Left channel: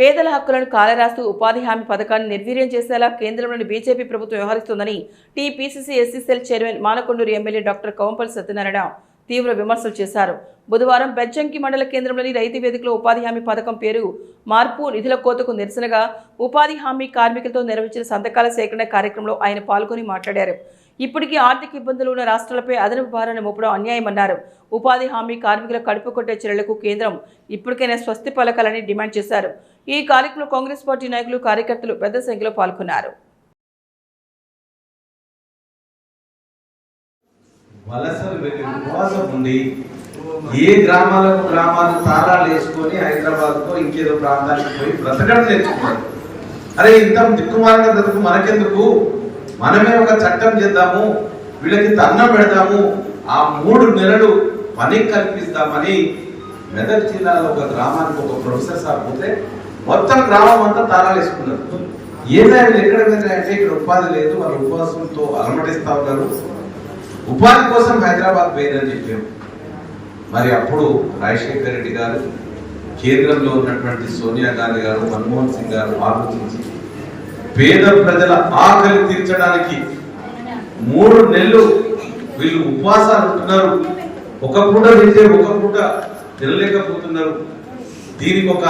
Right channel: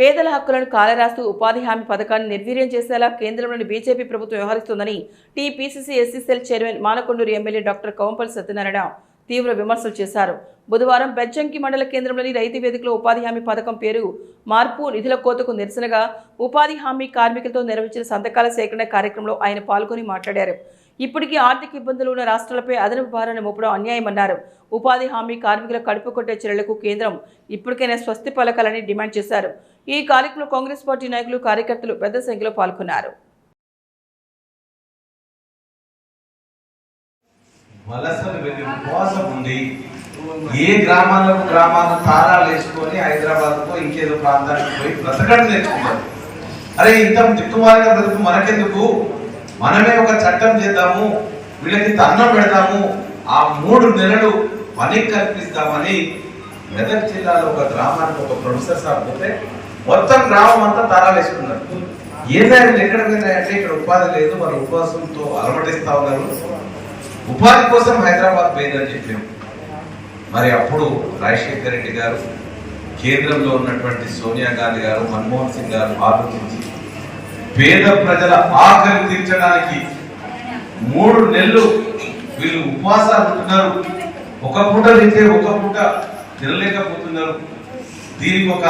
పేదల హక్కులను కాలరాస్తూ ఉపాధి హామీ పథకాన్ని నిర్వీర్యం చేసేలా కేంద్రంలోని బీజేపీ ప్రభుత్వం వ్యవహరిస్తోందని TPCC SC cell chairman Manakondur MLA doctor Kavampalli Satyanarayana తీవ్ర విమర్శలు చేశారు. బుధవారం బెజ్జంకి మండల కేంద్రంలోని రైతు వేదికలో ఉపాధి హామీ పథకం పేరు మార్పు నిధుల కోతకు నిరసనగా ఉపాధి హామీ కార్మికులతో నిర్వహించిన సంతకాల సేకరణ కార్యక్రమంలో ఆయన పాల్గొని మాట్లాడారు. ఇప్పటికీ ఆర్థిక ఇబ్బందులు ఉన్న రాష్ట్రాలపై అదనపు భారాన్ని మోపడం అన్యాయమన్నారు. ఉపాధి హామీ కార్మికుల కడుపు కొట్టే చర్యలకు కేంద్రం ఇప్పటికైనా స్వస్తి పలకాలని డిమాండ్ చేశారు. ఈ కార్యక్రమంలో కాంగ్రెస్ పార్టీ నాయకులు కార్యకర్తలు పెద్ద సంఖ్యలో పాల్గొన్నారు. వలసలు వెళ్ళి ఉపవాసం ఉండి ఏ గ్రామాలకు గ్రామాలు తారాలు వేసుకొని హైదరాబాద్కో ఇంకేదో ప్రాంతానికి పోయి బ్రతకడం నేర్చుకున్నారు. అరే ఇంత దిక్కుమాలిన బ్రతుకు మనకెందుకు? మనమే ఒక చట్టం చేద్దాము వీళ్ళకి తన్నం పెడతాము ఆ మూడు నెలలు పని కల్పిస్తామని మెదక్ జిల్లాలో ఒక గ్రామానికి ఒక ప్రొఫెసర్ సార్ పోతే మొత్తం గ్రామం అంతా తారాలు వేసుకున్నారు. ఏదైనా ఎక్కడ ఎక్కడ పోయినాయంటే ఇక్కడ ఉపాధి లేదు వాళ్ళు ఉపవాసంతో అలమటిస్తా ఉన్నారు. ఉపాధి కోసం హైదరాబాద్ పోయిందని చెప్పాము మరి అప్పుడు రాజశేఖర్ రెడ్డి గారు కేంద్రంలో ఉన్నటువంటి సోనియా గాంధీ గారు మన్మోహన్ సింగ్ గారు ఆలోచించి పేద ప్రజల ఆకలి తీర్చడానికి మూడు నెలలు వీళ్ళు ఉపవాసాలు ఉంటున్నారు. ఒక పూట తింటే ఒక పూట తినలేకపోతున్నారు. దీనికి ఒక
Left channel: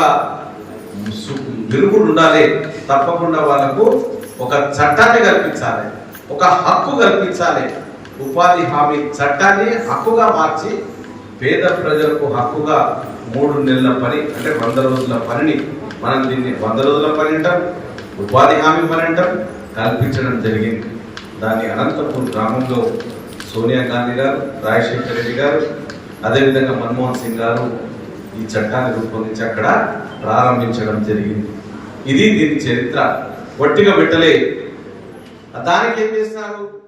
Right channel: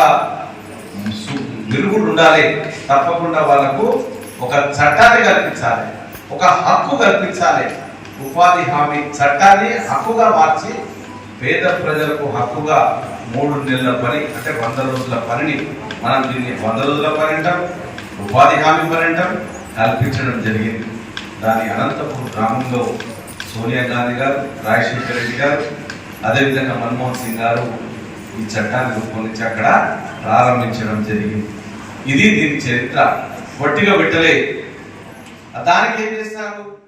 సు- మెరుగుడు ఉండాలి. తప్పకుండా వాళ్ళకు ఒక చట్టాన్ని కల్పించాలి. ఒక హక్కు కల్పించాలి. ఉపాధి హామీ చట్టాన్ని హక్కుగా మార్చి పేద ప్రజలకు హక్కుగా మూడు నెలల పని అంటే వంద రోజుల పనిని మనం దీన్ని వంద రోజుల పని అంటాం ఉపాధి హామీ పని అంటాం కల్పించడం జరిగింది. దాని అనంతపూర్ గ్రామంలో సోనియా గాంధీ గారు రాజశేఖర రెడ్డి గారు అదేవిధంగా మన్మోహన్ సింగ్ గారు ఈ చట్టాన్ని రూపొందించి అక్కడ ప్రారంభించడం జరిగింది. ఇది దీని చరిత్ర. పొట్టిగా పెట్టలే. దానికి ఏం చేస్తారు?